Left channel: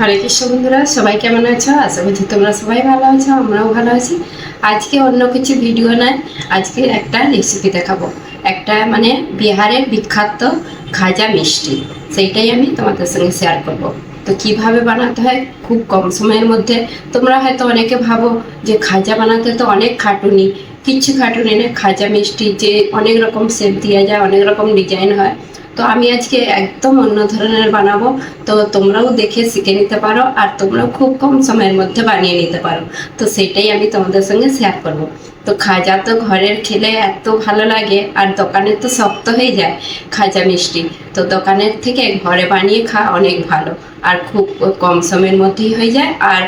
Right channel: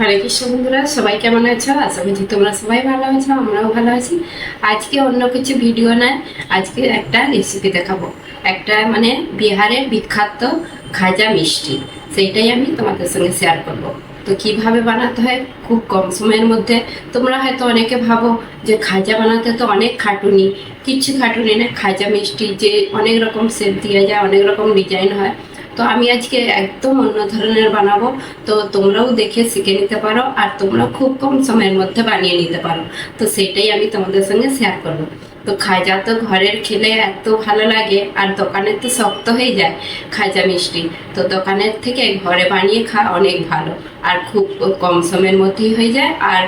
হরে কৃষ্ণ বন্ধুরা, সবাই কেমন আছো? আশা করছি তোমরা সবাই ভালো আছো, আমরাও ভালো আছি। আজকে অন্য কিছু ভিডিও নয়, আজকে একটা রেসিপি দেখাবো। একটা মানে বিহারের বিখ্যাত খাজা মিষ্টি, সেইটাই আমি তোমাদের সঙ্গে শেয়ার করব। তো কীভাবে বানাতে হয়? খুব কম সময়ের মধ্যে। তোমরা হয়তো অনেকে ভাবো যে খাজা বানাতে তো অনেক খাটুনি কিচ্ছু খাটুনি না, খাজা মিষ্টি যে অনেক রকম শেপ দেওয়া যায়, অনেক রকম ডিজাইন হয়। তো আমি আজকে একদম অন্য ধরনের বানাবো। তো তোমরাও দেখে শিখে নিতে পারো আর তোমরাও খুব কম সময়ের মধ্যে বানিয়ে নিতে পারো। তো সেটাই আমি তোমাদের সঙ্গে শেয়ার করব। তো খাজা তো ঘরের খেলে এত ভালো লাগে আর দোকানের তো শক্ত হয়ে যায় খাজা মিষ্টি। তো দোকানের থেকে ঘরে বানিয়ে খা অনেক ভালো আর খুব কম সময়ের মধ্যেই হয়ে যায় আর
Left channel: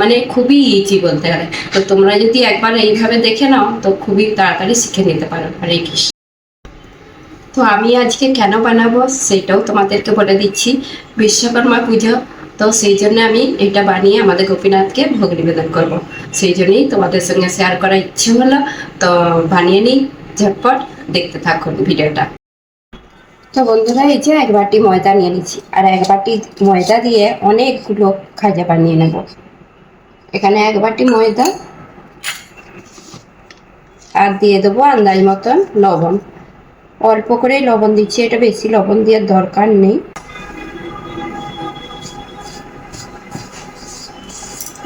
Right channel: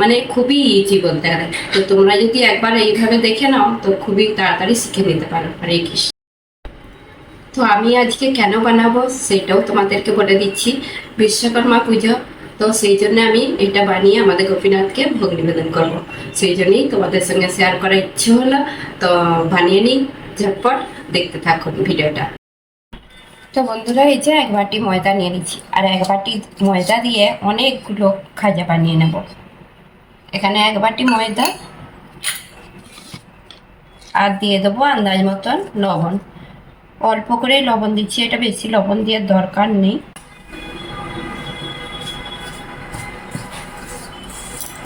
মানে খুবই ইজি বলতে গেলে। তো তোমরা যদি একবার এইভাবে দেখে নাও, তো খুবই তাড়াতাড়ি শিখে নিতে পারো। হরে কৃষ্ণ। তো আমি আজকে কেন বানাবো সেটাও তোমাদেরকে বলে দিচ্ছি। বিশ্বকর্মা পুজো, তো সেই জন্য আমি এটা বানিয়ে আমাদের গোপীনাথকে ভোগ নিবেদন করব। সেই জন্যই তোমাদের সঙ্গে শেয়ার করার ইচ্ছে হলো, তো বানিয়ে নিই, ঝটপট দেখতে থাকুন ভিডিওটা। তো বন্ধুরা, এই যে এক বাটি ময়দা নিয়ে নিচ্ছি, আর এক বাটি ময়দা দিয়ে অনেকগুলো খাজা বানিয়ে নেব। এখানে এক বাটি ময়দা, আর দিয়ে দেবো আন্দাজ মতন লবণ। অল্প করে লবণ দিচ্ছি, এটা বেশি লবণ দেওয়ার দরকার নেই।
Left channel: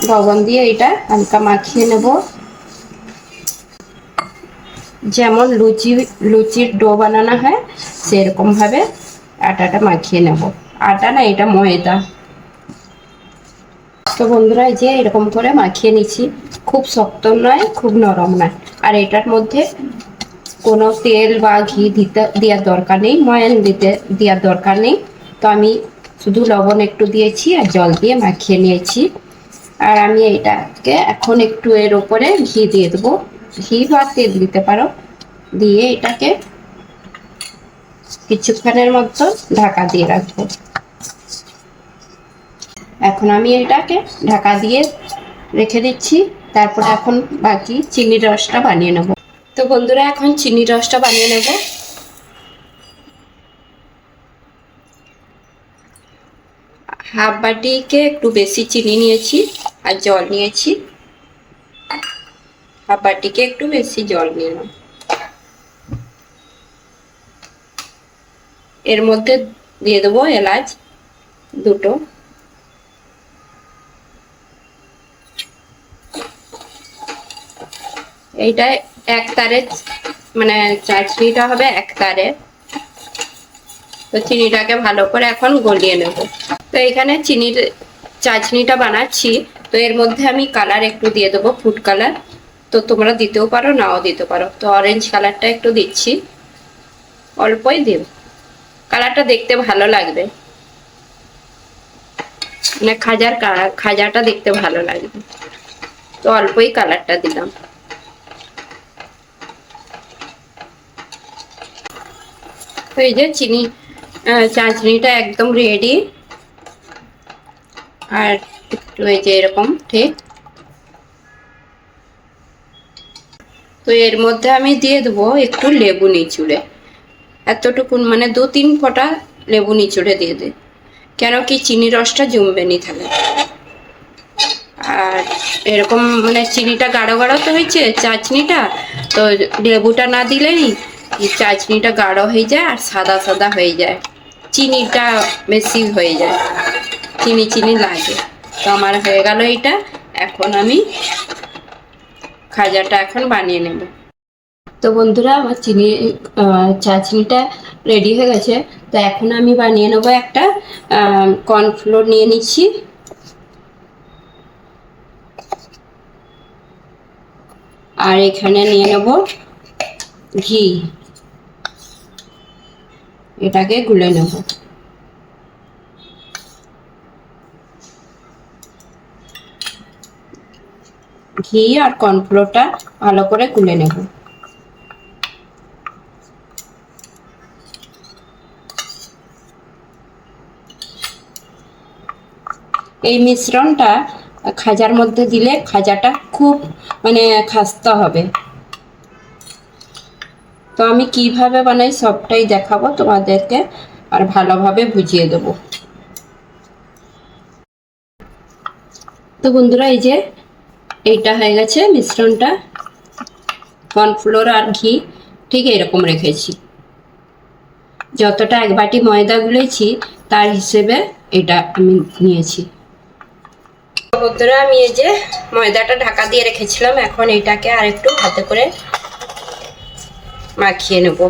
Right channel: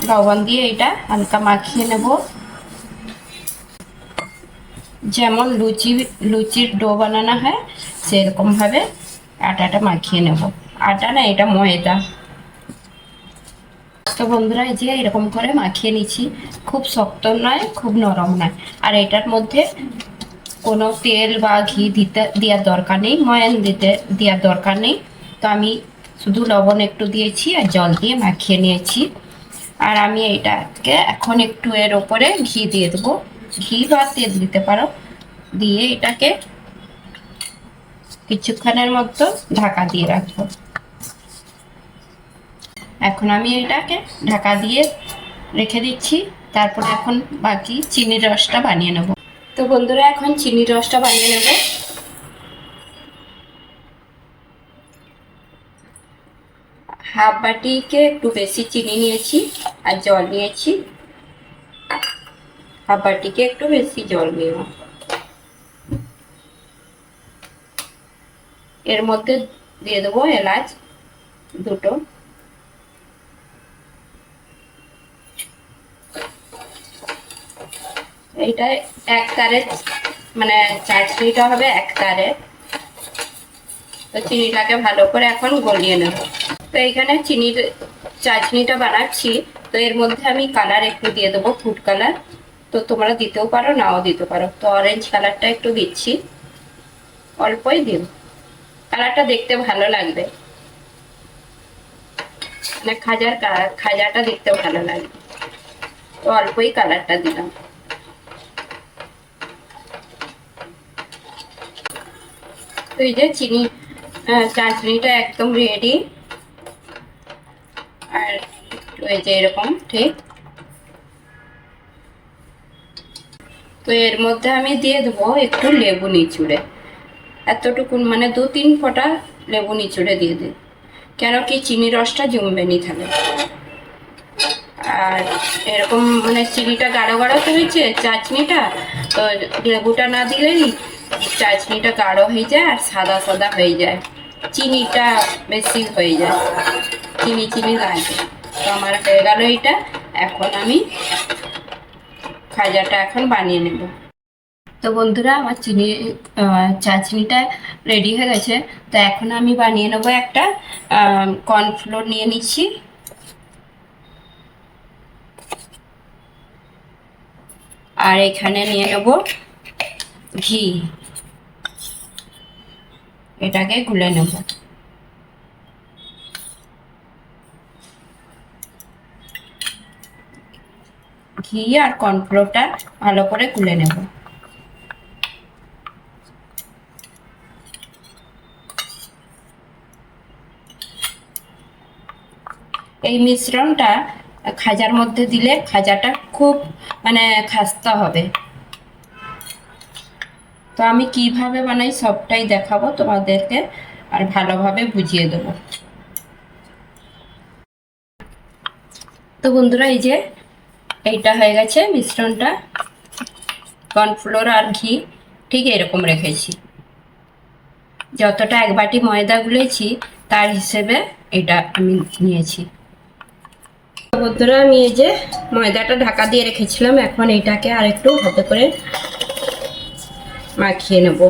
লবণ দিয়ে এটা হালকা মাখিয়ে নেব। যেমন লুচি, লুচির ডো বানানো হয়, সেরকমভাবে আটাটা মাখিয়ে নেব। আটা না, এটা ময়দা। তো বন্ধুরা যে এরকম করে মাখিয়ে নিচ্ছি। খুব শক্ত নয়, খুব নরম নয়। আর এটার মধ্যে কোনো তেল বা ঘি দিতে, দেওয়ার দরকার নেই, ময়ান দিতে, দেওয়ার দরকার নেই। তো আমি শুধু লবণ একটু দিয়েছি আর জল দিয়ে মাখিয়ে নিয়েছি। আর আমি এইটাকে এখন একটু এর ওপরে ঘি দিয়ে দেবো। ঘি বা তেল দিতে পারো। দিয়ে এটাকে কিছুক্ষণের মতো ঢাকা দিয়ে রাখব। এখন আমি এটাকে ঢাকা দিয়ে রেখে দিচ্ছি। তারপর এখন বাকি চিনির রসটা বানিয়ে নেব। তো বন্ধুরা, এখন চিনির রসটা বানিয়ে নেব। হাফ বাটিকে একটু বেশি চিনি নিয়েছি আর জল নিয়েছি। হাফ বাটিকে একটু বেশি জল নিলাম। এর মধ্যে দিয়ে দেবো এলাচ দুটো। এইটা এক তারে মানে চাটনিটা হবে এক তারে। তো চিনিটাকে ভালো করে এখন গলিয়ে নেব। তো এখানে চিনির চাটনিটা বানাচ্ছি। তো এর মধ্যে আমি কালার একটু দিয়ে দেবো, ফুড কালার। তো তোমরা দিতেও পারো, নাও দিতে পারো। তো অরেঞ্জ কালারটা একটু দিচ্ছি। অল্পই দিন। কালারটা দেখতে ভালো লাগবে। মানে খাজার খাজাটা দেখতে ভালো লাগবে। তো অল্পই কালারটা দিলাম। তো এই যে চিনি চাটনিটা একদম রেডি আর একটু এই যে এরকম, ঠিক। তো এর মধ্যে আমি দিয়ে দেবো একটু লেবু নিচুড়ে। এতটুকুন মানে দু তিন ফোঁটা লেবু নিচুড়ে দিয়ে দে। কেন কি চিনি রসটা জমবে নি তাহলে। আর এরকম মানে চিনিটা গাঢ় গাঢ় তো হয়েছে চাটনিটা তো লেবুটা না দিলেই চাটনিটা গাঢ় হয়ে যায় আর সাদা সাদা হয়ে যায়। চিনিটা বেশি হয়ে যায়। চিনি চিনি লাগে। তো আমার হয়ে গেল এটা এখন আমি খাজাটা এখন বানিয়ে নেব। তো বন্ধুরা, আমার চিনি চাটনিটা রেডি হয়ে গেছে। তো এখন আমি বানিয়ে নেব একটা কর্নফ্লোর নিয়ে নিচ্ছি। আর এখানে নিয়ে নেব ঘি। এটাকে গুলে নেব। ঘি আর কর্নফ্লোরটা ভালো করে গুলে নেব। এই মিশ্রণটা খাজার মধ্যে দিলে খাজাটা খুব মানে খাস্তা হবে। তো আমি কীভাবে বানাই সবটাই দেখাবো তোমাদেরকে আর ভালোভাবে বুঝিয়ে দেবো। তো বন্ধুরা, এই যে এইটা হয়ে গেছে মিশ্রণটা। কর্নফ্লোর আর ঘি ঠিক এরকম রেখেছি। যতটা এক বাটি ময়দা গুলেছি, তার হিসেবে এটা আমি নিয়েছি। বন্ধুরা, আমি এই যে ময়দাটা ঢাকা দিয়ে রেখেছিলাম, এখন এটাকে আর একটু হাতে করে মাখিয়ে নেব।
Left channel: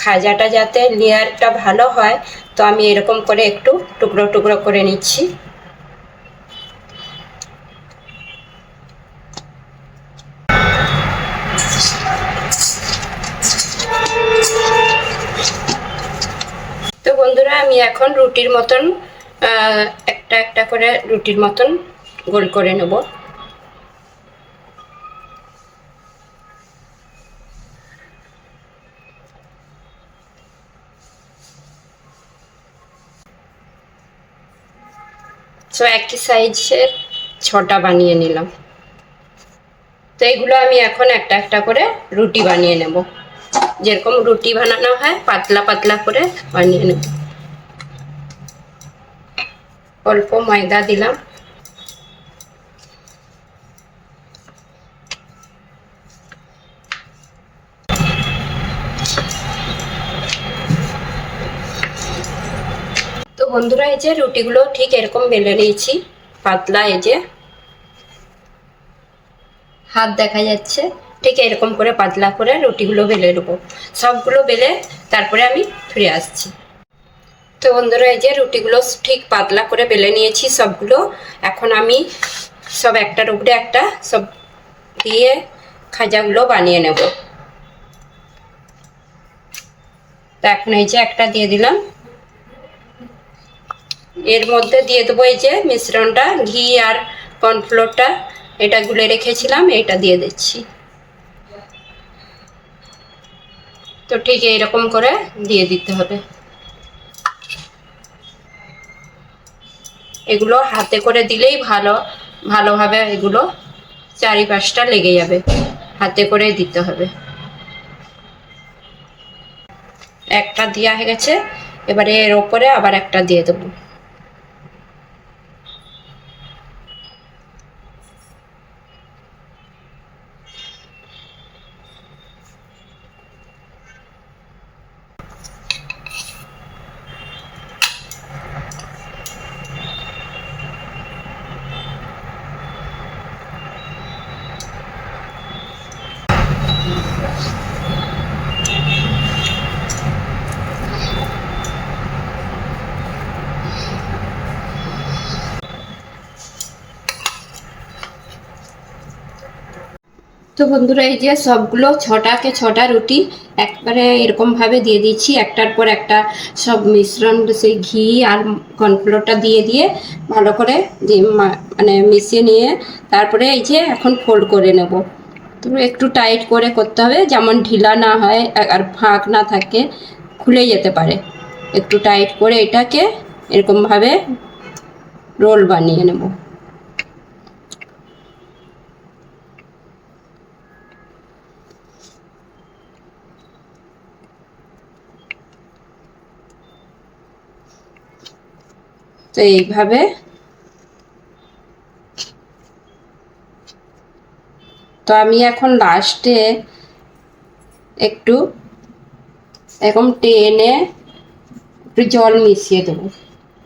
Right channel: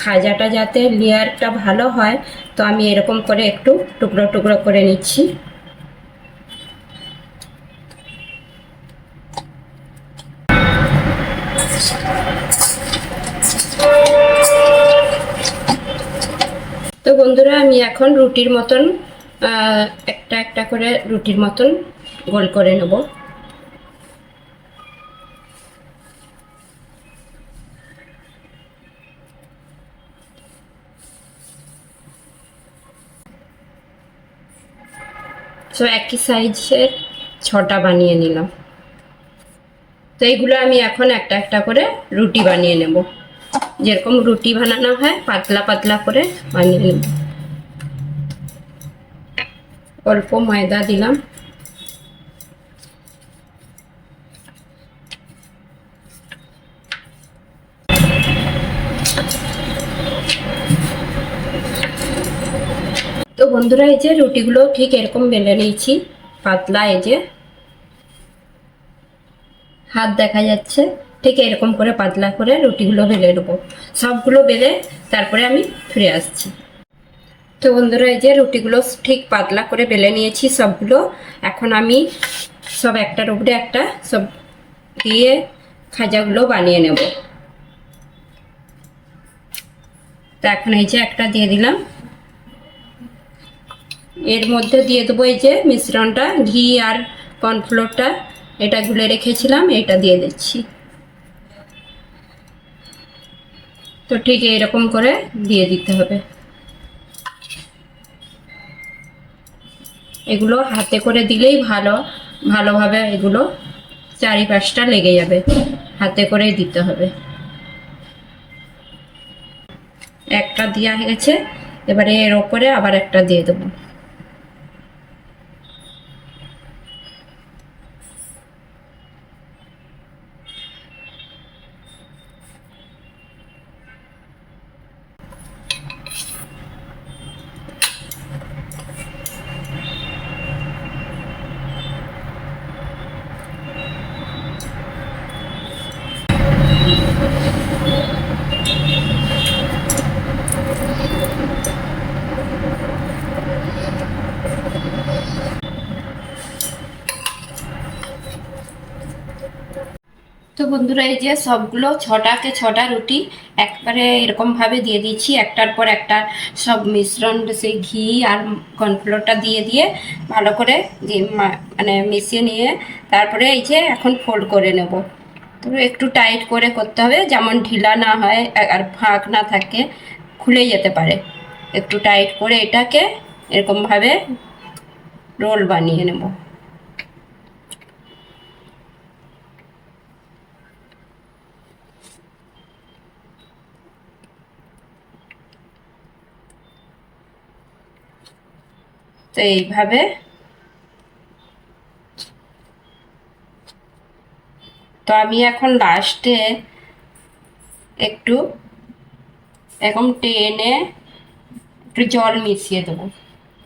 খাজাটা যাতে লেয়ারটা ভালো হয়, তো আমি এরকম করে একটু টুকরো টুকরো করে নিচ্ছি। তো বন্ধুরা, আমি এখন রুটির মতন একটা একটা করে রুটির মতন গোল করে নেব। সো একই সাইজের ছটা বানিয়ে নিলাম। তো এগুলো আমি এখন একটা একটা করে রুটি বানিয়ে নেব। যেরকম রুটি বানানো হয়, পাতলা পাতলা করে বানিয়ে নেব। অল্প ময়দা দিলাম। বন্ধুরা, এই যে রুটিগুলো ঠিক এরকম বেলে নিয়েছি, পাতলা এই যে। হাত দেখা যাচ্ছে, ঠিক এরকম করে পাতলা করে রুটিগুলো বেলে নেব। সবগুলো বেলে তারপরে আমি ফিরে আসছি। তো বন্ধুরা, এই যে রুটিগুলো ঠিক পাতলা করে বেলে নিয়েছি সবগুলো। এখন আমি সব একটার উপরে একটা সব দিয়ে খাজাগুলো বানিয়ে নেব। তো এখন এই যে একটা দিয়ে দিলাম। এর মধ্যে দিয়ে দেবো এই যে মিশ্রণটা, ঘি আর কর্নফ্লোরটা, এটা গুলে রেখেছিলাম এটা দিয়ে দিচ্ছি। তো ঠিক এইরকম করে দিয়ে দিতে হবে। এগুলো হাতে করে দিলেই ভালো, ভালোভাবে এগুলো চারিপাশটা লেগে যাবে, হাতে করে দিতে হবে। একটা দেওয়া হয়ে গেছে, এবারে এর ওপরে আবার একটা দিয়ে দেবো। তো বন্ধুরা, এই যে সবগুলো ছটাকে ছটা রুটি একবারে এরকমভাবে দিয়ে দিচ্ছি। একটার পর একটা সব মিশ্রণ, সেই ঘি আর কর্নফ্লোরটা দিয়ে দিয়ে ভালো করে মানে মিশিয়ে নিয়ে তারপরে এই যে এখন ফোল্ড করে নেব। তো একটু টাইট করে করতে হবে, যেমন ঢিলা না হয় আর ফাঁক না থাকে, খুলে যেতে পারে। একটু টাইট করে এটাকে এরকমভাবে রোল বানিয়ে নেব। তো এইভাবে তো আমি এখন লাস্টে একটু এরকম টেনে একটু জল মিশিয়ে দেবো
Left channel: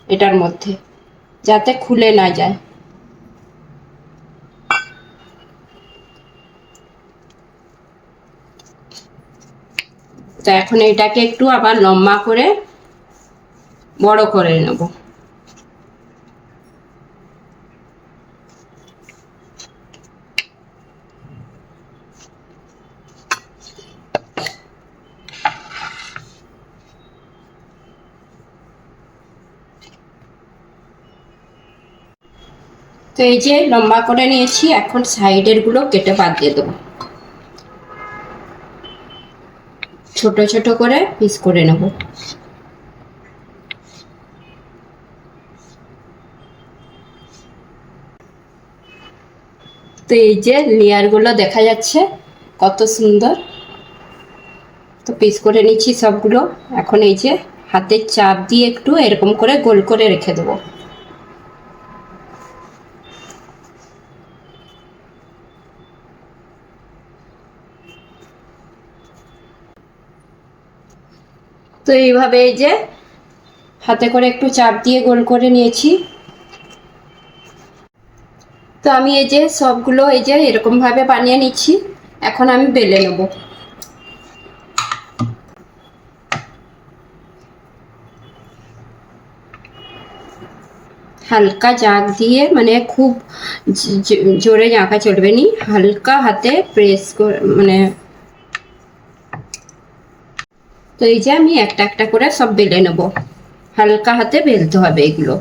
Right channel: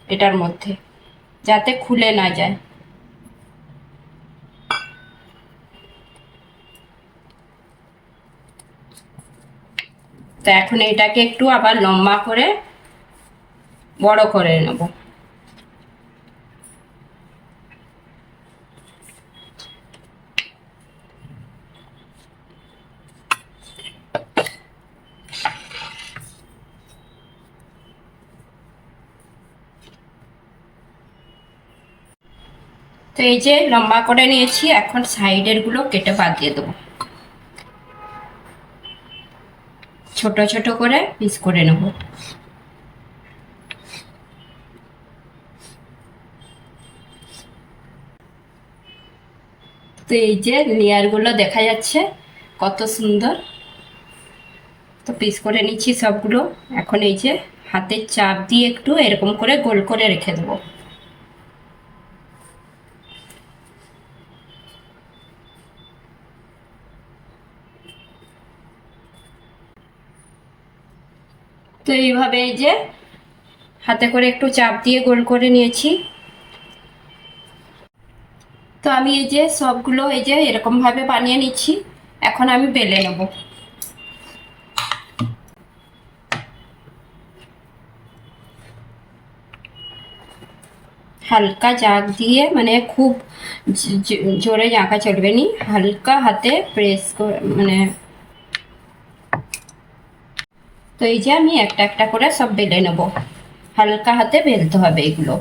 এটার মধ্যে, যাতে খুলে না যায়। তো এখন এটাকে একটু আবার লম্বা করে বড় করে নেব। তো এই যে লম্বা করে নিয়েছি, এখন সাইডেরগুলো কেটে বাদ দিয়ে দেবো। ছোট ছোট করে পিস করে নেব। তো এই যে লেয়ারগুলো দেখা যাচ্ছে, কত সুন্দর। তো পিস করে নিচ্ছি সবগুলো। এখন এই যে হাতের চাপ দিয়ে একটু এরকম করে গোল করে রেখে দেবো। এইভাবে এই যে হাতে করে একটু চাপ দিয়ে গোল করে নিয়েছি। তো আমি এই যে সবগুলো এই যে এরকমভাবে বানিয়ে নিচ্ছি। এখন আমি বেলে নেব। হালকা জাগ দিয়ে মানে খুব জোরে জাঁকা চলবে নি। হালকা হাতে প্রেস করে মানে তো এই যে আমি একটা একটা করে সব বেলে নেব। হালকা হাতে বেলতে হবে এগুলো।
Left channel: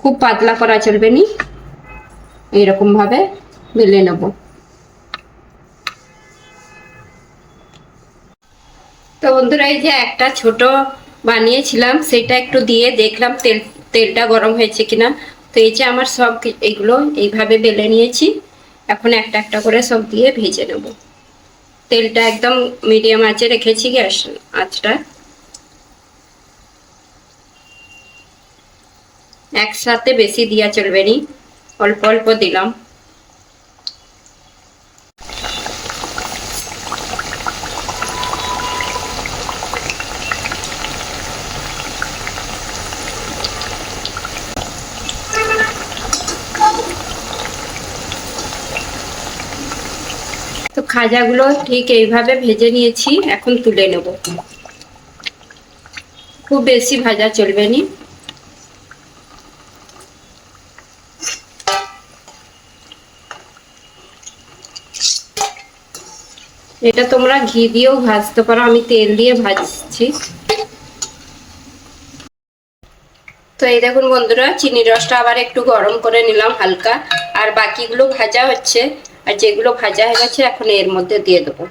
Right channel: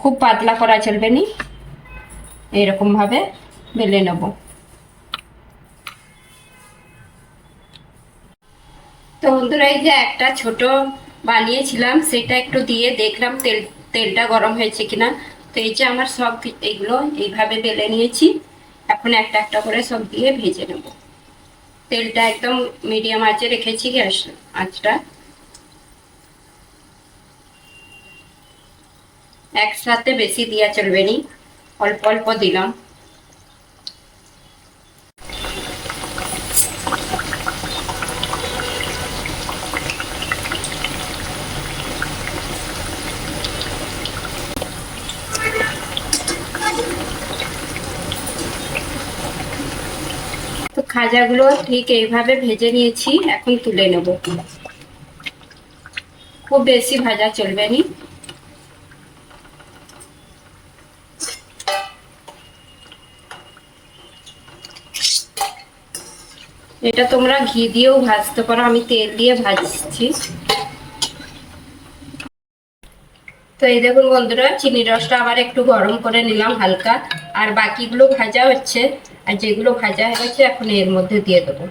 খুব পাতলা করা চলবে নি? এরকম ভাবে বেলে নেব। তো বন্ধুরা, এই যে একটা ছোট বানিয়েছিলাম, সেটা একটু দিয়ে দেখলাম তেল, তেলটা গরম হয়েছে কিনা। তো এই যে আমার সব এগুলো এইভাবে বেলে নিয়েছি। এখন একটা একটা করে সব দিয়ে ভেজে নেব। তেলটা একদম মিডিয়াম আঁচে রেখেছি গ্যাস আঁচটা। একসাথে বেশি দিয়া চলবে নি। অল্প অল্প দিলাম। খাজাগুলো ঠিক এইভাবে ভেজে নিয়েছি, এখন তুলে নেব। খুব বেশি ভাজা চলবে নি। এটা তোমরা ঘি দিয়েও ভাজতে পারো, আমি তেল দিয়ে ভাজছি। তো এই দেখুন বন্ধুরা চিনি রসটা আবার একটু গরম করে নিলাম হালকা, আর বাকিগুলো ভাজা হচ্ছে। আর যেগুলো ভাজা হয়ে গেছে, এখন এর মধ্যে দিয়ে দেবো।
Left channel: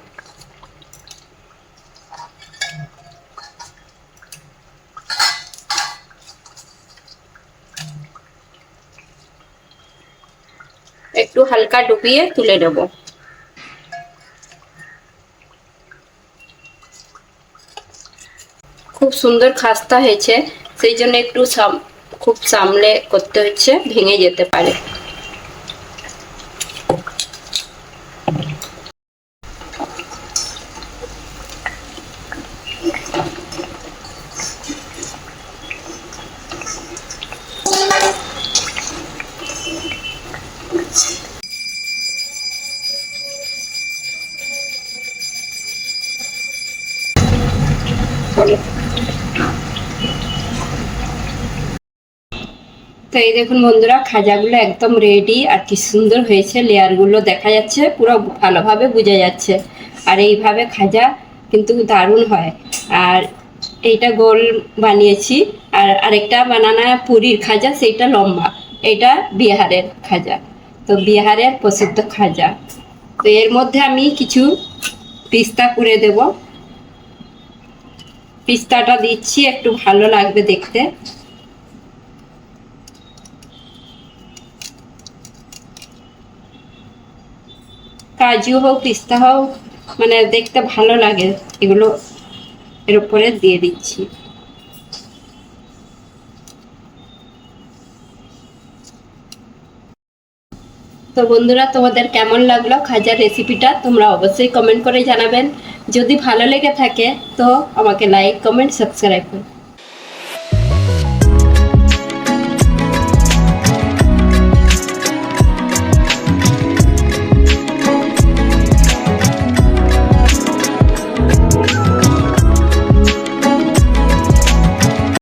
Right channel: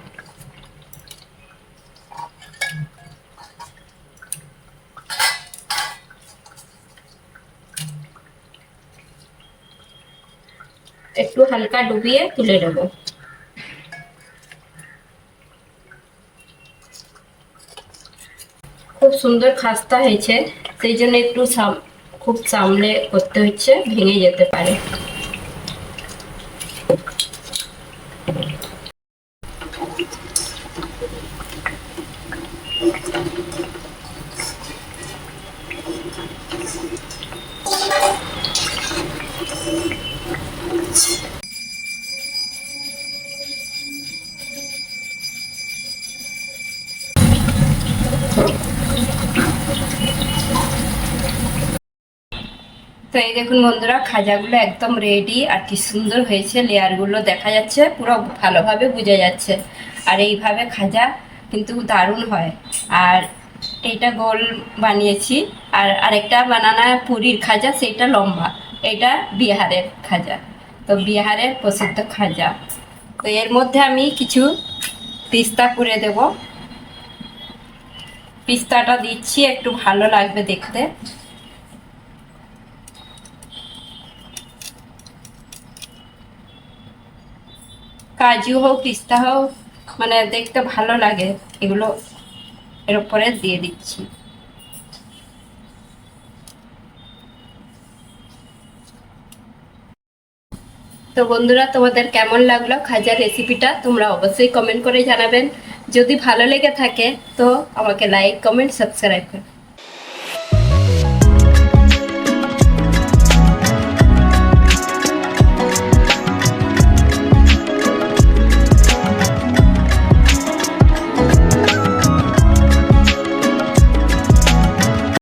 একটু হালকা ডুবিয়ে তুলে নেব। খুব সুন্দর খাস্তা হয়েছে, সেই জন্য একটু খুব সামলে করতে হচ্ছে, ভেঙে যেতে পারে। তো এই দেখুন বন্ধুরা, খাজাগুলো একদম রেডি আর কি সুন্দর হয়েছে। লেয়ারগুলো দেখা যাচ্ছে, পুরো ভালোভাবে বোঝা যাচ্ছে। আর এইভাবে খাজা কিন্তু দারুণ হয়। আর এইটা গোল বানিয়েছি, আর আরেকটা বানানা পুরীর খাজা, সেইটা লম্বা। এটা বিহারের খাজা। তো বিহারের প্রসিদ্ধ খাজা। তো এর মধ্যে আমি কিছু পিস্তা করে দেব। পিস্তাটা দিচ্ছি, একটু ভালো লাগবে দেখতে। কাজু হোক, পিস্তা হোক মানে দেখতে ভালো লাগে। এগুলো এর উপরে দিয়ে দিচ্ছি। তো বন্ধুরা, তোমাদের কেমন লাগল খাজার রেসিপিটা তোমরা অবশ্যই কমেন্ট করে জানাবেন। যদি ভালো লেগে থাকে তো আমাকে লাইক কমেন্ট সাবস্ক্রাইব করো।